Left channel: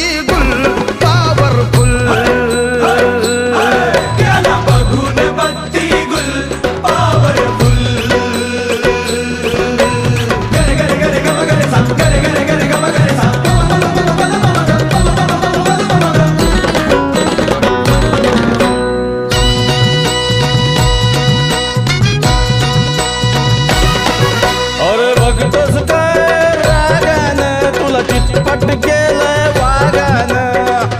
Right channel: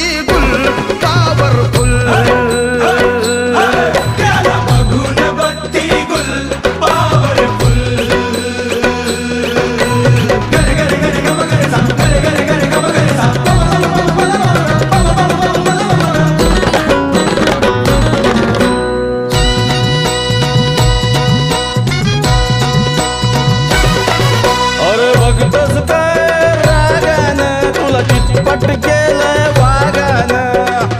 बत्ती गुल पॉवरफुल. त्याला बघून बत्ती गुल पॉवरफुल. गरे गरे गरे गम गरे सा गरे गरे गरे गम गरे सा. अरे बघतोस काय रागानं तुला चितपट केलंय वागानं.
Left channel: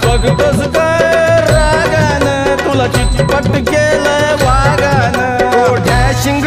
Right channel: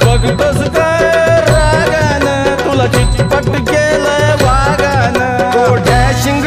बघतोस काय रागानं तुला चितपट केलंय वागानं. डॅशिंग